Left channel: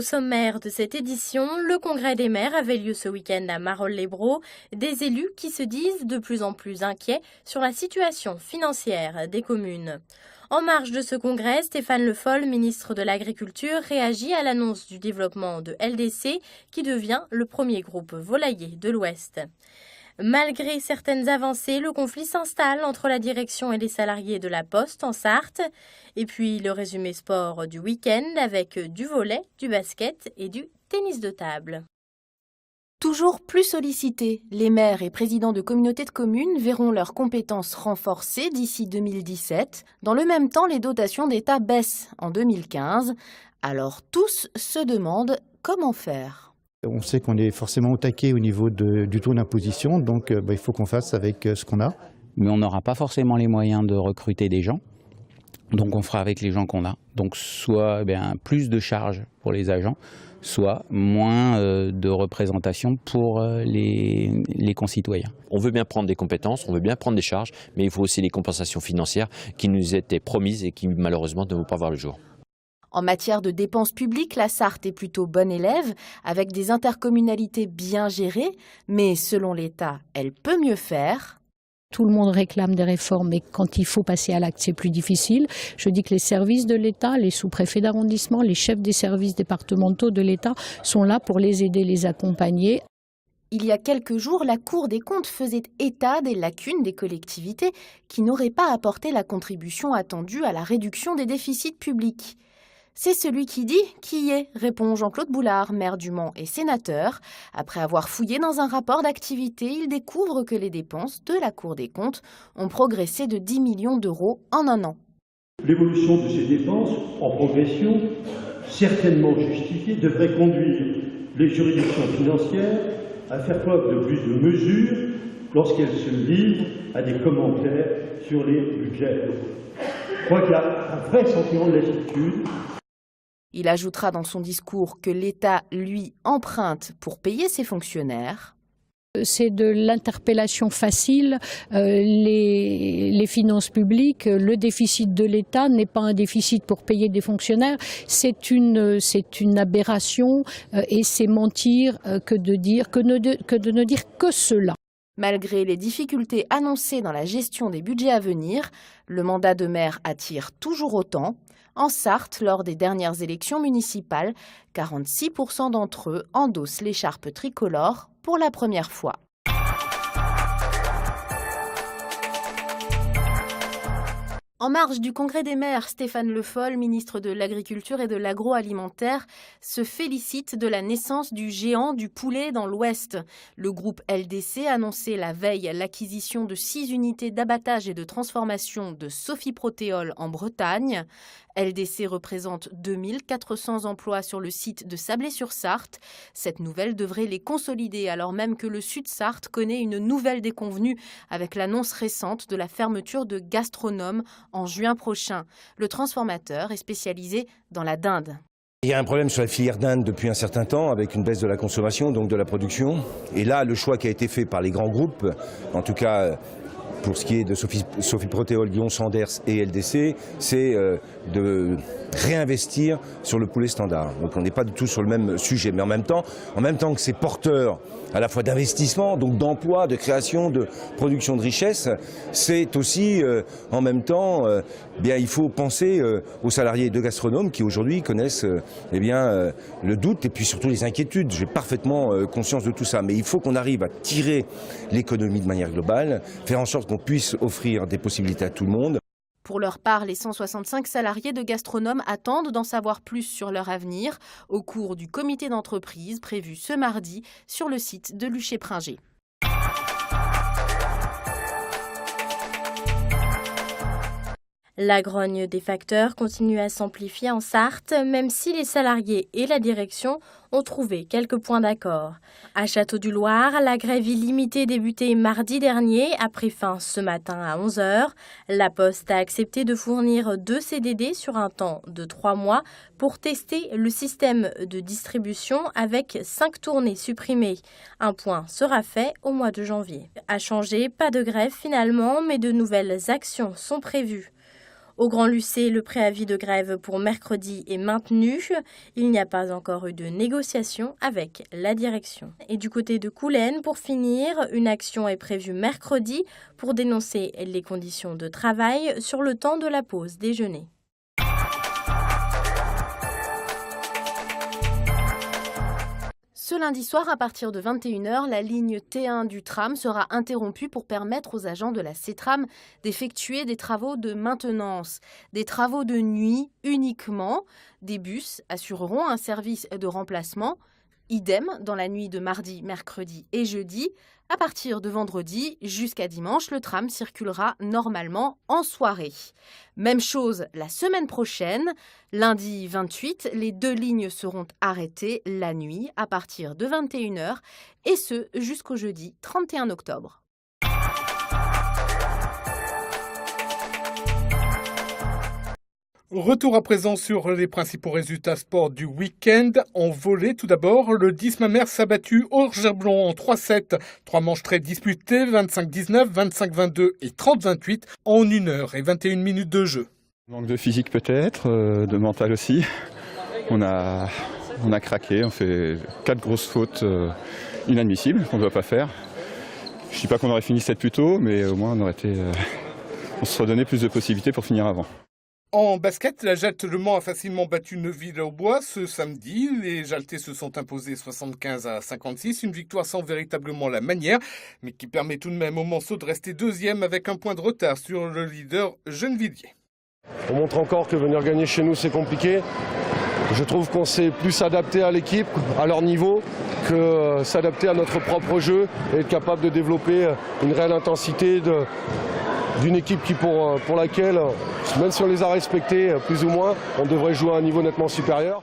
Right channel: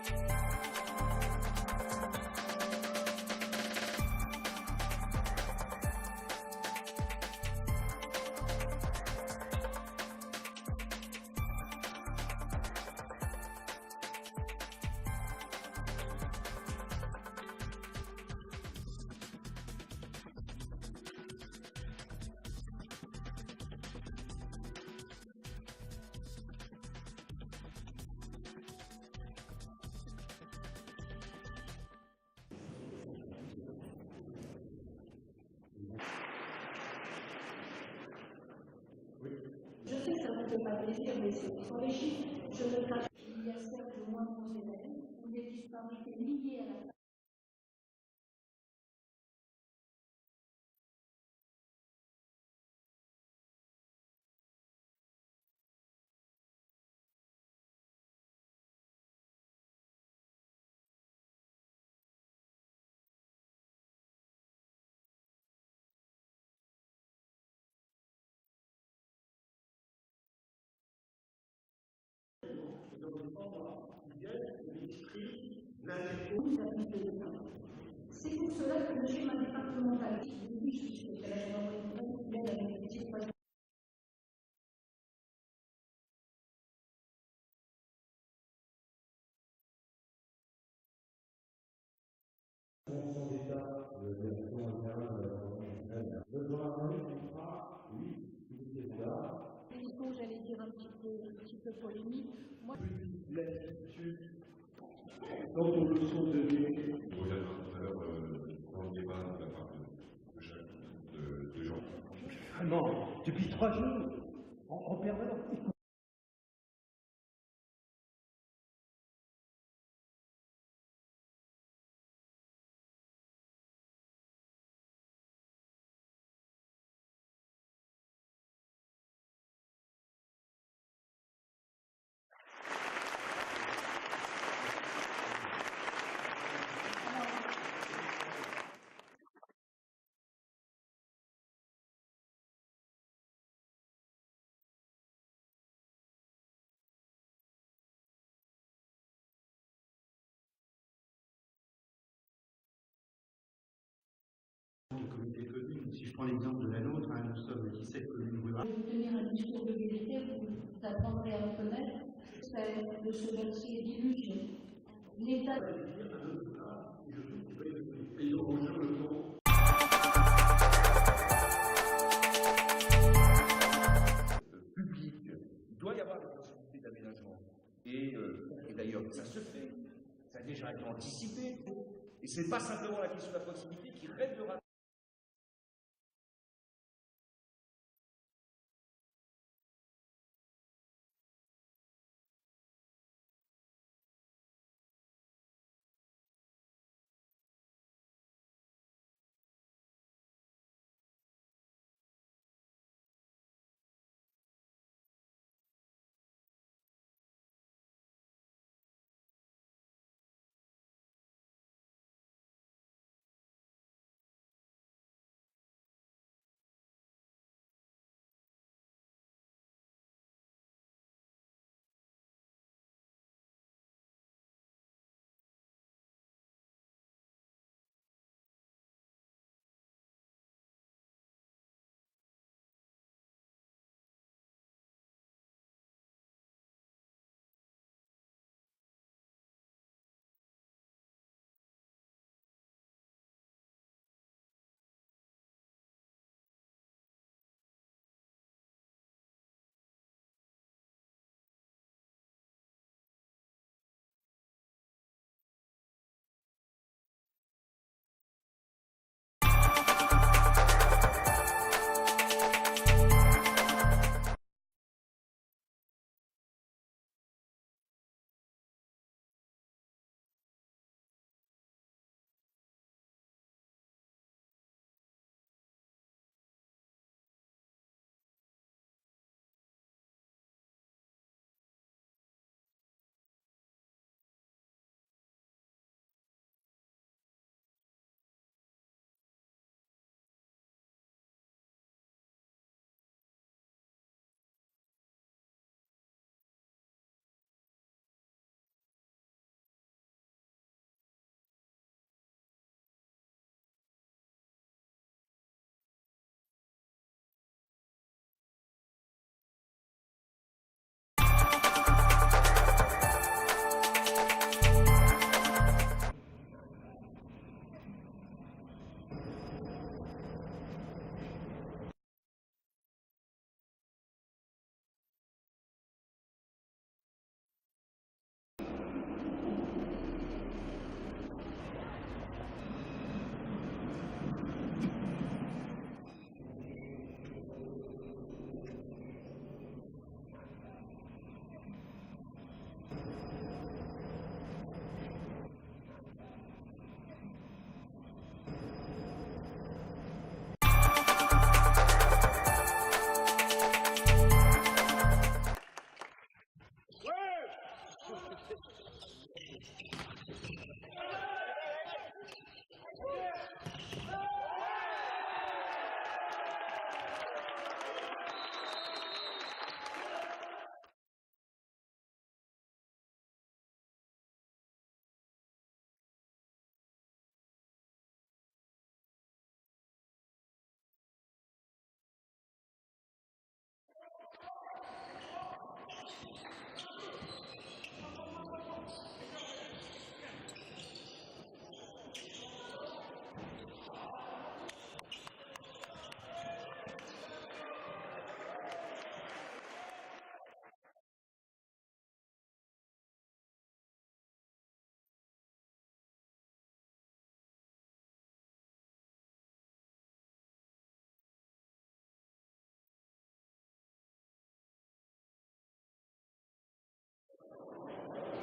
Au sommaire de cette édition, le congrès des maires avait lieu ce week-end à Marolles-les-Braaux. Des élus qui se disent de plus en plus inquiets sur la situation financière des communes. En marge de ce congrès, Stéphane Le Foll, ministre de l'Agriculture, réagit à l'annonce du développement de LDC, qui devient le premier groupe volailler de l'Ouest. Malgré certaines avancées, le conflit s'installe entre la direction et les salariés de la Poste en Sarthe. Et puis le résumé sport du week-end avec du volley, du basket et du tennis de table. Toujours plus sollicités, les maires et présidents de communautés de communes verront leurs compétences renforcées d'ici 2017. Dans le même temps, les dotations d'État baissent en 2015. Alors tous se demandent comment faire. On sait qu'on est forcément au taquet au niveau du taux d'imposition, donc il faut qu'on fasse avec ce qu'on a. Mais on n'aura pas forcément les moyens de recruter des gens. Donc on fera avec les gens qu'on a. Donc soit plus de charges pour les agents, soit moins de représentation pour les concitoyens. On veut bien prendre des compétences, on veut bien prendre des charges, mais il faut aussi les compensations financières qui nous étaient promises et qui malheureusement ne vont pas voir le jour. En matière de dépenses publiques, la Sarthe est plutôt bonne élève, avec des intercommunalités bien gérées, mais selon l'État, elle peut mieux faire. Tout le monde réclame des réformes, mais quand il faut passer à l'acte, c'est plus difficile. Je dis que les services de l'État, les sous-préfets d'arrondissement, les chefs des services départementaux de l'État sont là pour les aider, les accompagner. Il y a quelques jours, la Cour des comptes faisait état des lacunes des collectivités qui n'auraient pas apporté la contribution attendue à la réduction des déficits publics. C'est celui qui dit qui y est, répond Jean-Claude Boulard, maire du Mans et sénateur. Après avoir fouillé dans un rapport d'activité, il découvre que les dépenses de la Cour des comptes ont progressé de 10 millions d'euros en un an. L'évolution de ces dépenses en progression, certainement justifiée, devrait conduire les juridictions financières à faire preuve de plus de mesure lorsqu'elles se livrent à des commentaires sur les budgets. Je crois qu'il y a un vrai sentiment de lassitude. Il ajoutera dans son discours que l'État, lui, emprunte pour payer ses fonctionnaires. C'est de l'interpellation facile. Les finances publiques, le déficit de l'État n'est pas un déficit pour payer des fonctionnaires. C'est une aberration et c'est mentir que de ne dire que cela. Malgré les difficultés annoncées dans la gestion des budgets à venir, le mandat de maire attire toujours autant. En Sarthe, lors des dernières élections municipales, 46% d'entre eux endossent l'écharpe tricolore pour la première fois. En marge du congrès des maires, Stéphane Le Foll, ministre de l'Agriculture et de l'Agroalimentaire, se félicite de la naissance du géant du poulet dans l'Ouest. Le groupe LDC annonçait la veille l'acquisition de 6 unités d'abattage et de transformation de Sophie Protéol en Bretagne. LDC représente 2400 emplois sur le site de Sablé-sur-Sarthe. Cette nouvelle devrait les consolider alors même que le Sud-Sarthe connaît une nouvelle déconvenue avec l'annonce récente de la fermeture de Gastronome en juin prochain. Le transformateur est spécialisé dans la dinde. Il y a un problème sur la filière dinde depuis un certain temps avec une baisse de la consommation, donc de la production. Et là, le choix qui a été fait par les grands groupes, en tout cas pour ce qui est de Sophie Protéol, Guillaume Sanders et LDC, c'est de réinvestir sur le poulet standard. Donc on n'est pas du tout sur le même sujet, mais en même temps que c'est porteur à la fois d'investissement, donc d'emploi, de création, de production de richesse, c'est aussi en même temps, il faut penser aux salariés de gastronomes qui aujourd'hui connaissent le doute et puis surtout les inquiétudes. J'ai parfaitement conscience de tout ça, mais il faut qu'on arrive à tirer l'économie de manière globale, faire en sorte qu'on puisse offrir des possibilités à tout le monde. Pour leur part, les 165 salariés de Gastronome attendent d'en savoir plus sur leur avenir au cours du comité d'entreprise prévu ce mardi sur le site de Luché-Pringé. La grogne des facteurs continue à s'amplifier en Sarthe, même si les salariés et la direction ont trouvé quelques points d'accord. À Château-du-Loir, la grève illimitée débutée mardi dernier a pris fin ce matin à 11 h. La Poste a accepté de fournir 2 CDD sur un temps de 3 mois pour tester le système de distribution avec 5 tournées supprimées. Un point sera fait au mois de janvier. À changer, pas de grève finalement, mais de nouvelles actions sont prévues. Au Grand Lucé, le préavis de grève pour mercredi est maintenu. Il n'y a pas encore eu de négociation avec la direction. Et du côté de Coulennes, pour finir, une action est prévue mercredi pour dénoncer les conditions de travail sur le temps de la pause déjeuner. Ce lundi soir, à partir de 21h, la ligne T1 du tram sera interrompue pour permettre aux agents de la CETRAM d'effectuer des travaux de maintenance. Des travaux de nuit uniquement. Des bus assureront un service de remplacement. Idem dans la nuit de mardi, mercredi et jeudi. À partir de vendredi jusqu'à dimanche, le tram circulera normalement en soirée. Même chose la semaine prochaine. Lundi 28, les 2 lignes seront arrêtées la nuit à partir de 21h et ce jusqu'au jeudi 31 octobre. Retour à présent sur les principaux résultats sport du week-end. En volley, tout d'abord, le 10 Mamers s'est battu Orgeblon en 3-7. 3 manches très disputées, 25-19, 25-22 et 30-28 en 1 heure et 21 minutes de jeu. Manque de physique peut-être, de mental aussi. On a craqué, on fait 4 grosses fautes inadmissibles qu'on ne doit pas faire. Je ne dis pas qu'on aurait fini 7 plus tôt, mais au moins on se serait donné plus de possibilités pour finir avant. En basket, la Jalte Le Mans a facilement battu Neuville-au-Bois ce samedi. Les Jaltais se sont imposés 75-56, une victoire sans véritablement la manière, mais qui permet tout de même au Manceau de rester deuxième avec un point de retard sur le leader Gennevilliers. On montre encore que venir gagner chez nous c'est compliqué. Je trouve qu'on s'est plus adapté à l'équipe, à leur niveau, que s'adapter à notre propre jeu et être capable de développer une réelle intensité d'une équipe pour laquelle, même si on les a respectés plus ou moins, on devrait jouer à un niveau nettement supérieur.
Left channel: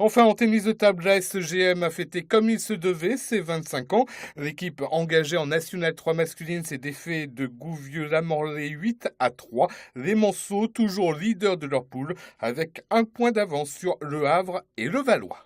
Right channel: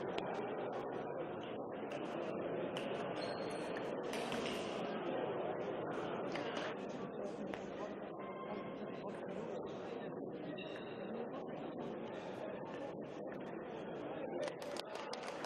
Enfin, en tennis de table, la SGM a fêté comme il se devait ses 25 ans. L'équipe engagée en National 3 masculine s'est défait de Gouvieux-la-Morlaix 8-3. Les Manceaux, toujours leaders de leur poule, avec un point d'avance sur Le Havre et le Valois.